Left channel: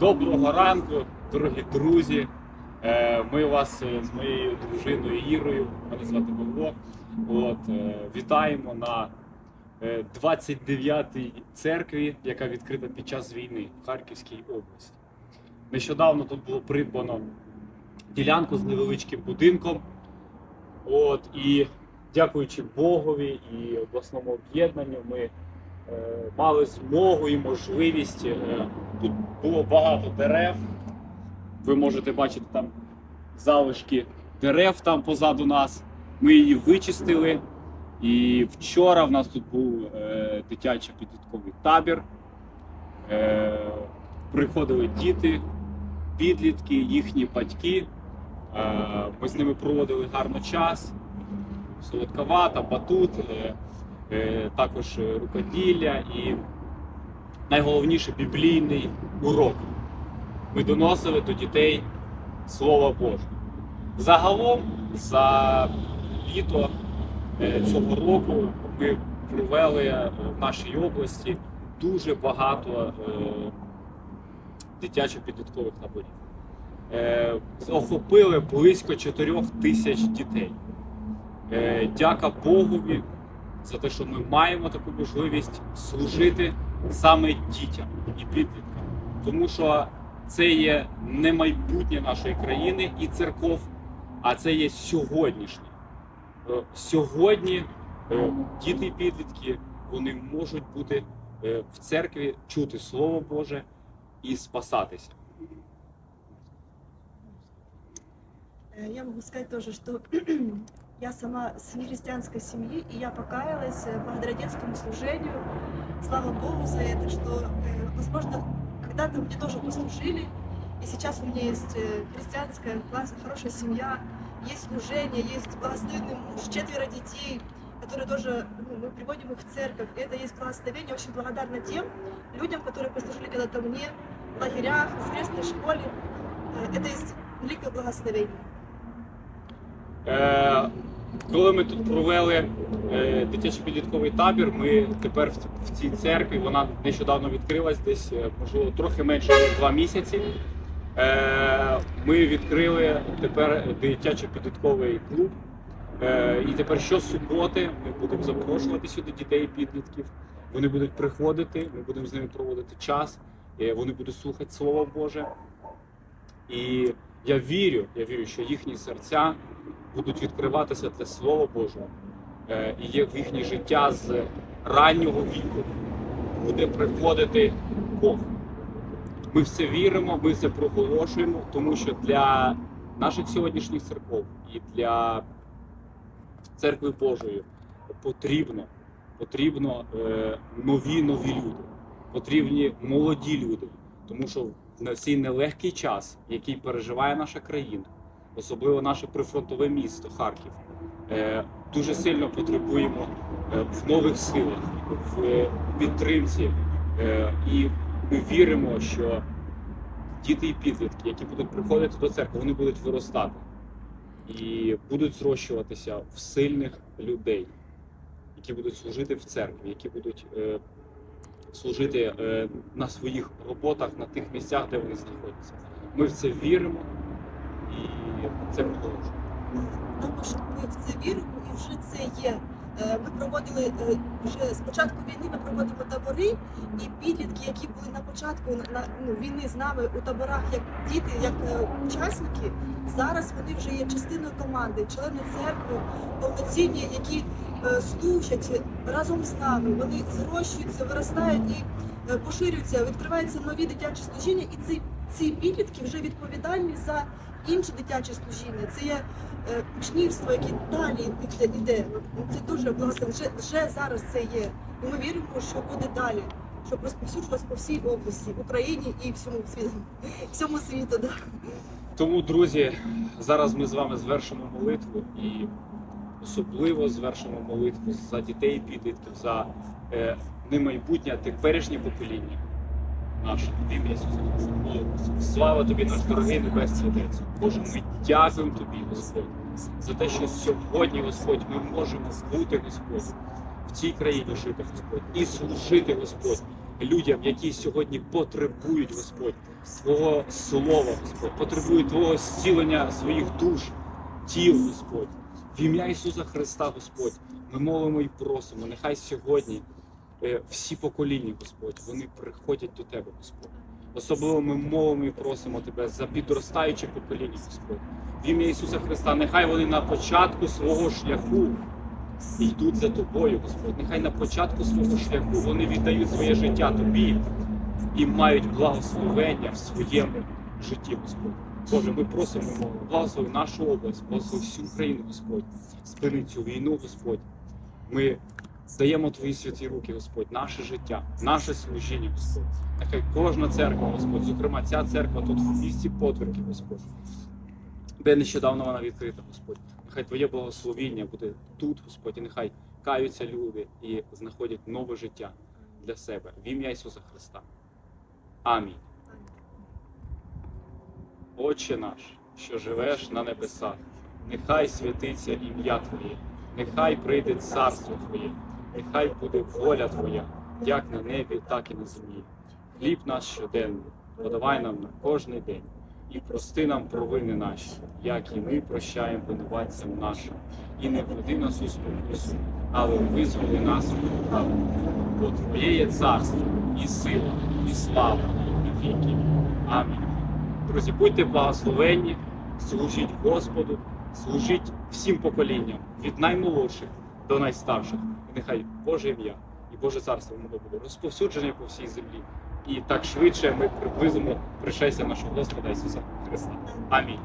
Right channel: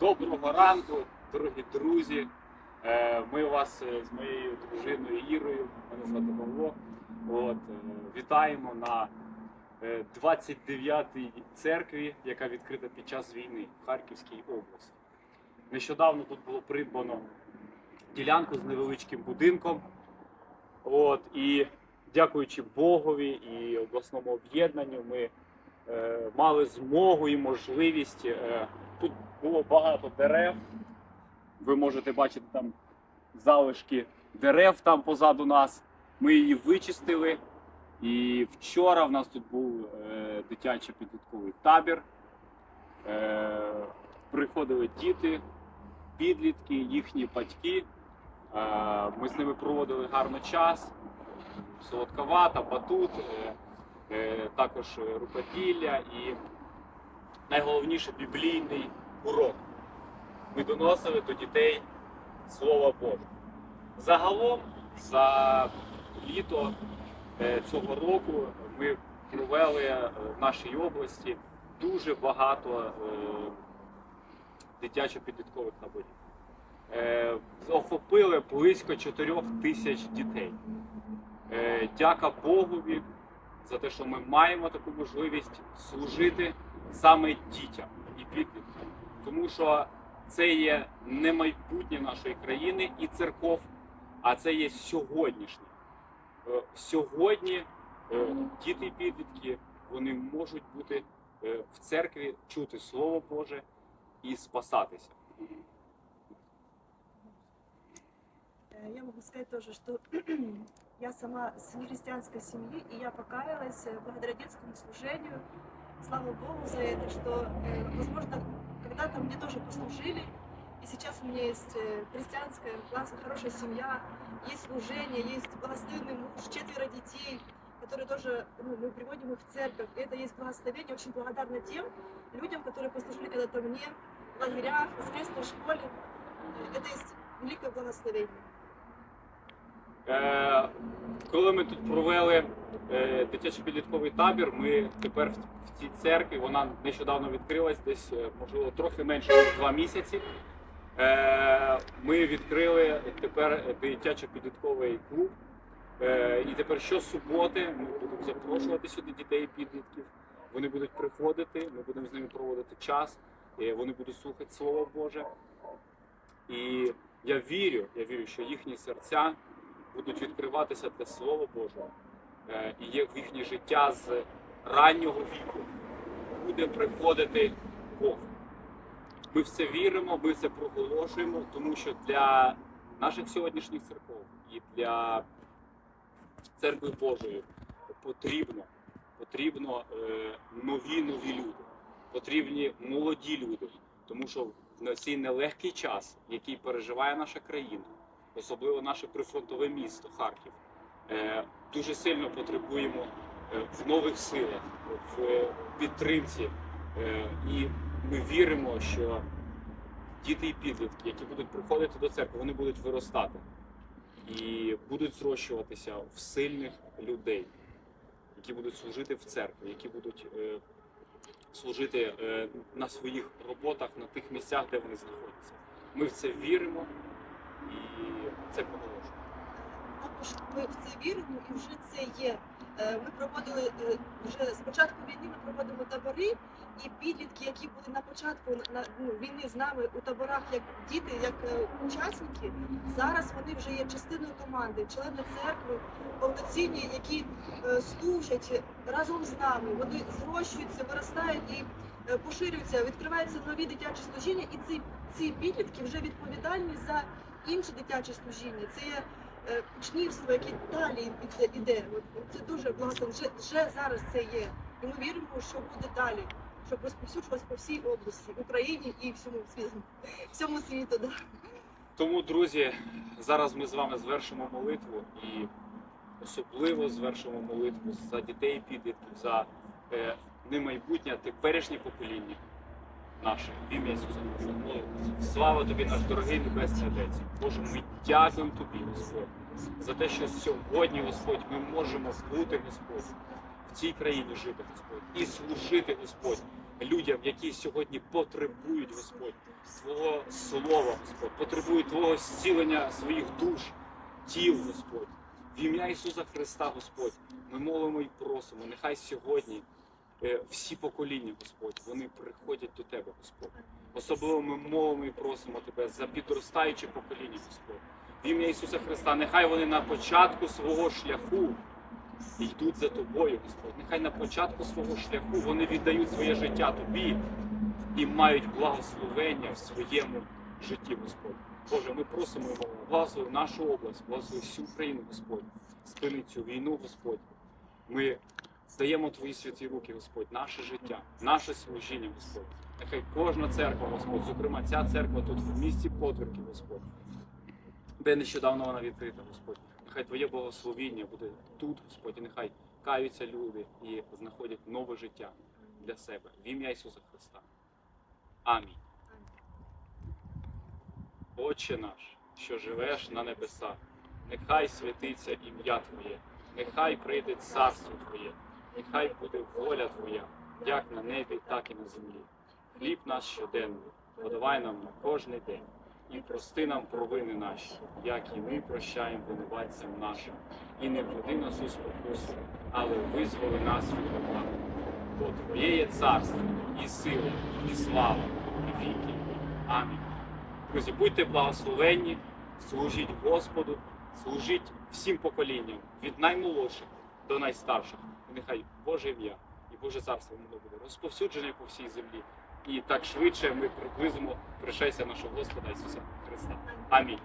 Доброго ранку, дорогі друзі. Е, Ми вас е, з моєю дружиною Ірою, мене звати Павло. От, е, вітаємо на е, 29-й церкві, яка відкрита під час війни в Харківській області. Нещодавно тут було придбано ділянку з невеличким будинком. От, і дякуючи Богові і обласному об'єднанню, ми мали змогу і можливість. Е, тут було багато дерев. Ви можете бачити там залишки дерев там позаду нас. Ми її вичистили. І вчора в нас тут був е, дитячий підлітковий табір. Е, приходили діти, підлітки, їхні батьки. Е, ми з ними проводили гарно час. Солодковата, батут, е, е, також е, рукоділля і найголовніше біблійний урок. Ми доносили до дітей Слово Боже. Загалом за літо е, цього року ми провели е, в нашій області дуже багато е, дитячо-підліткових таборів. Е, Охопили близько 4 тисяч дітей. Е, Дяка Богові за те, що ми маємо таку можливість служити саме дітям і підліткам. Тому що це є не майбутнє нашої країни і церков, а це є сьогоднішнє. Е, Сьогодні е, діти і підлітки вони можуть бути е, в церкві, чути Слово Боже і спасатися. Я могу сказать тоже, что я сама с нехристианской семьи, и я покаялась э, благодаря детскому служению. Слава Богу за это, что, э, возможно, когда-то мне тоже послужили, и сейчас у меня есть э, христианская, классная, хорошая семья, есть служение, есть благословенный муж, четверо детей, которые тоже, ну, мы приводим их в церковь. И это есть благословение. Очень благодарна тем людям, которые послужили когда-то мне в лагерях, в воскресной школе. Э, Это есть великое благословение. Коли ми тут провели е, дитячо-підлітковий табір, ми тепер в, цій церкві, вона нещодавно відкрилась, десь е, можливо трохи менше ніж два місяці. Е, ми відкрили тепер дитячо-підлітковий клуб. Е, і тепер щосуботи ми будемо запрошувати сюди дітей підлітків. Вони будуть приходити, ми будемо з ними проводити час, вони будуть слухати Слово Боже. І я вірю, я вірю, що їхні серця будуть відкриватися для Слова Божого. Е, І є в їхнє життя з раннього віку буде приходити Бог. Ми в це віримо, ми це проголошуємо, тому що для наших сьогоднішніх церков і для церкви Божої потрібно, потрібно е, нові нові люди, потрібні молоді люди, тому що на цей нелегкий час, який переживає наша країна, особливо наше прифронтове місто Харків, е, дуже сильно потребуємо е, в нових силах, в підтримці. Е, І ми віримо, що діти і підлітки, які будуть приходити до церкви, вони будуть виростати і будуть зрощуватися в сильних людей, які будуть служити в церкві, які будуть служити на своїх роботах, на тих місцях, де вони знаходяться. Ми в це віримо і це проголошуємо. Також ми в це віримо і вже це є. Е, Ми проводили е, вже з початку війни. Ми проводимо табори, і підлітки, які були на початку на ну, війни з нами у таборах, як діти, як е, учасники, зараз вони вже є частиною команди, члени церкви, повноцінні, які служать разом з нами. Вони зрощуються, виростають і поширюються, відкриваються нові дитячі служіння, і ці, ці підлітки вже відповідальні за інше дитяче служіння. Це є е, учнівство, яке далі іде- іде. Це дуже благословенно. Вже, вже зараз це є. І ми віримо, що буде далі, щоб розповсюджувалось по всій області, в Україні і всьому світу. Всьому світу. Да. Тому, друзі, зараз ми з вами звершимо молитву і особливо звершимо молитву за дітей підлітків, за е, не майбутнє, а теперішнє покоління наше. Ім'я Ісуса Христа. Слава тобі, наш дорогий Небесний Отець. Боже, ми дякуємо тобі, Господь, за те, що сьогодні, Господь, ми можемо бути, Господь, в цій країні жити, Господь, і служити, Господь, людям, які сьогодні потребують, Господь, Твого слова, Господь, потребують Твого зцілення своїх душ, тіл, Господь. В ім'я Ісуса Христа, Господь, ми молимо і просимо. Нехай сьогодні всі покоління, Господь, вони приходять до Тебе, Господь. Особливо ми молимо і просимо Тебе за підростаюче покоління, Господь. В ім'я Ісуса Христа, нехай вони на початку свого шляху йдуть за тобою, Господь. Нехай на початку свого шляху вони віддають своє життя тобі і мають благословення в своєму житті, Господь. Боже, ми просимо молимо, благослови нашу область, благослови всю Україну, Господь. Спини цю війну, Господь. Ми даємо Твої святі руки, Господь, наше життя, наше служіння, Господь. Нехай кожна церква, Господь, зокрема ця церква тут в місті Подвірки, Господь. Де нещодавно вона відкрита, Господь. Нехай Твоє благословіння буде тут, Господь, і нехай каються люди і знаходять нове життя для себе. В ім'я Ісуса Христа. Амінь. Отче наш, що живеш на небесах, нехай святиться ім'я Твоє, нехай прийде царство Твоє, нехай буде воля Твоя, як на небі, так і на землі. Хліб наш щоденний, подавай нам на кожний день, і прости нам провини наші, як і ми прощаємо винуватцям нашим, і не введи нас у спокусу, але визволи нас від лукавого. Бо Твоє є царство, і сила, і слава, і віки. Амінь. Друзі, будьте благословенні, служіть Господу, служіть всім поколінням, від наймолодших до найстарших. І нехай Боже ім'я і Боже царство воно буде розповсюджене по всій землі. І так швидше ми приблизимо пришестя нашого Господа Ісуса Христа. Амінь.